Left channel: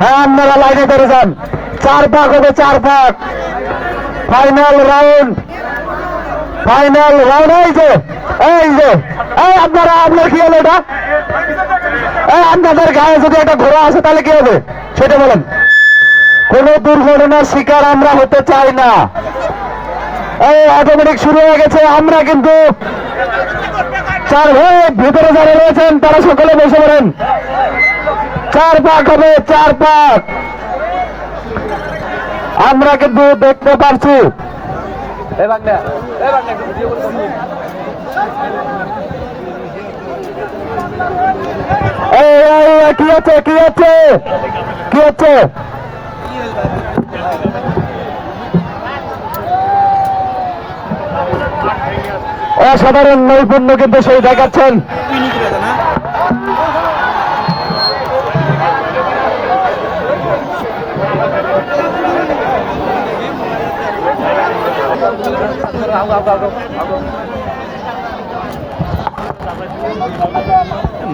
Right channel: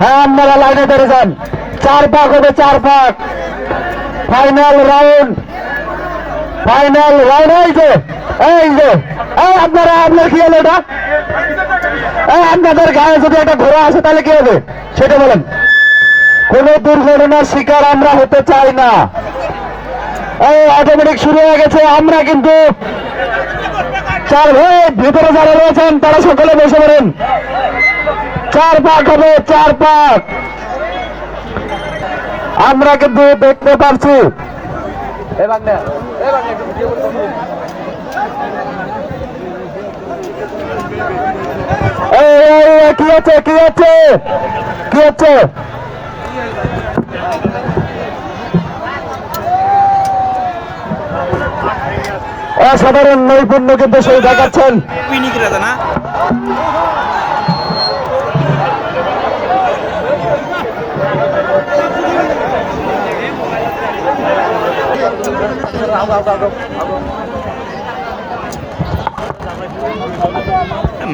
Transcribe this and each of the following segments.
হ্যাঁ, আপনারা লাইনে ধরে যান। 4 পাক হবে, 4 পাক। Final round, final round. এই আপনারা, আপনার কি হলো এটা? আপনাদের গায়ে যদি একটা ঘোড়া আসে তাহলে কি হবে সেটা বলেন। কোন দুর্ঘটনার শিকার আমরা হতে চাই না। এই অটোমেটিক শুরু হয়ে গেছে। আমরা কিন্তু ভিতরে যারা রয়েছেন তারা সকলে বসে পড়েন। 4 পাক হবে, 4 পাক। আমরা কিন্তু দেখতে পাচ্ছি। কি হচ্ছে, কি হচ্ছে, কি হচ্ছে? অসাধারণ নৈপুণ্য কিন্তু সেই দেখাচ্ছেন।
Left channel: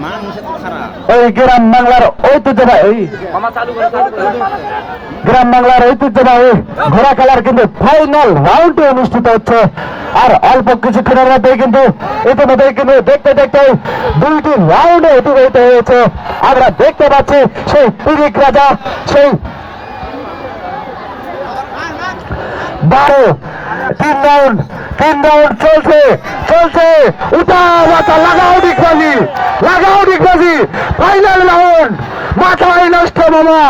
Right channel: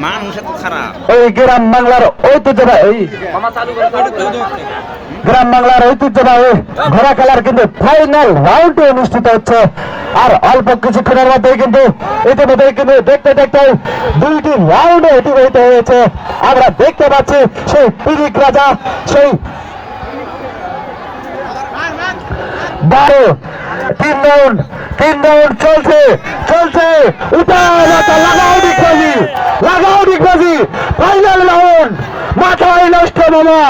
মানুষ এত খারাপ। এই গ্রাম বাংলার ঐতিহ্যবাহী, গ্রাম বাংলার ঐতিহ্যবাহী ঘোড়া খেলার কিন্তু ফাইনাল রাউন্ড অনুষ্ঠিত হচ্ছে। আর অল্প কিছুক্ষণের মধ্যেই কিন্তু ইতিমধ্যে কিন্তু দেখতে দেখতে 2টি রাউন্ডে অতিবাহিত হয়েছে। আমরা দেখতে পাচ্ছি সেই পিরিক রাজা, সেই 3 রাউন্ড চলছে চলছে। লাগাও ডিগবাজি, লাগাও ডিগবাজি। ফাইনাল রাউন্ড, মাথায় নষ্ট মামা।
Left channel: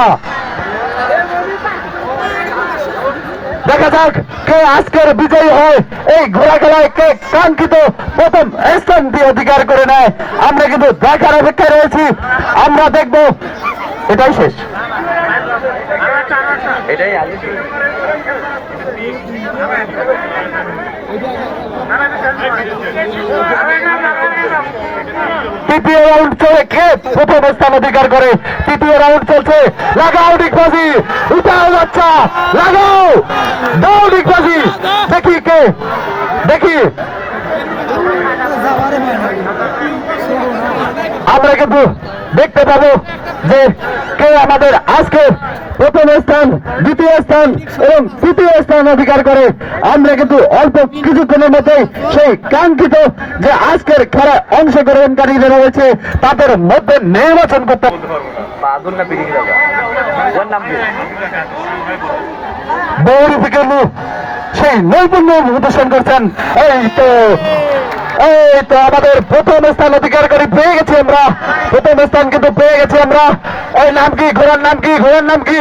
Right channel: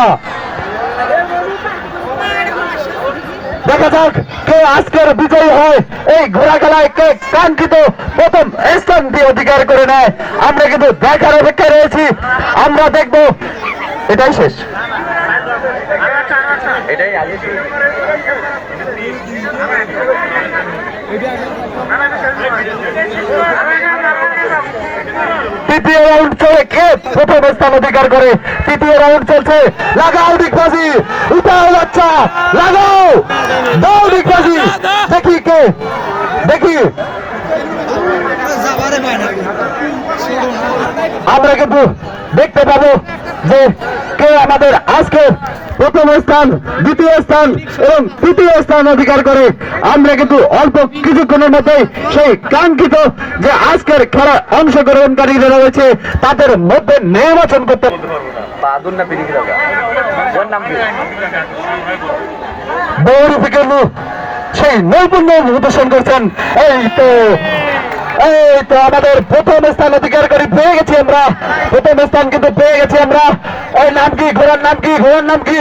দেখা যাক কে আজকের বিজয়ী হয়। এই ঘোড়া খেলায় কে কাঙ্ক্ষিত প্রথম স্থানটি অধিকার করে নেয়, আমরা কিন্তু দেখার অপেক্ষায় রয়েছি। আমরা দেখব। এটাই শেষ, এটাই তৃতীয় রাউন্ড চলে। কে প্রথম স্থান অধিকার করে? তৃতীয় রাউন্ড চলছে। লাগাও ডিগবাজি, উঠাও বাচ্চা, লাগাও, দাও ডিগবাজি। দেখি কে, দেখি। আমরা কিন্তু দেখতে পাবো যে কে আমাদের আজকে প্রথম স্থান, দ্বিতীয় স্থান এবং তৃতীয় স্থান অধিকার করে। আমরা কিন্তু অল্প কিছুক্ষণের মধ্যে সেই কাঙ্ক্ষিত যে আজকের খেলা অংশগ্রহণকারী যারা রয়েছে তাদের মধ্যে নির্বাচন করতে বৌরি থেকে সেই নৈপুণ্য প্রদর্শন করছেন। এই তো আমাদের প্রথম স্থান অধিকার করে পেয়ে গেছি আমরা, প্রথম স্থান কিন্তু পেয়ে গেছি আমরা। ওই নাম কি, ঘোড়ার নাম কি, ঘোড়ার নাম কি?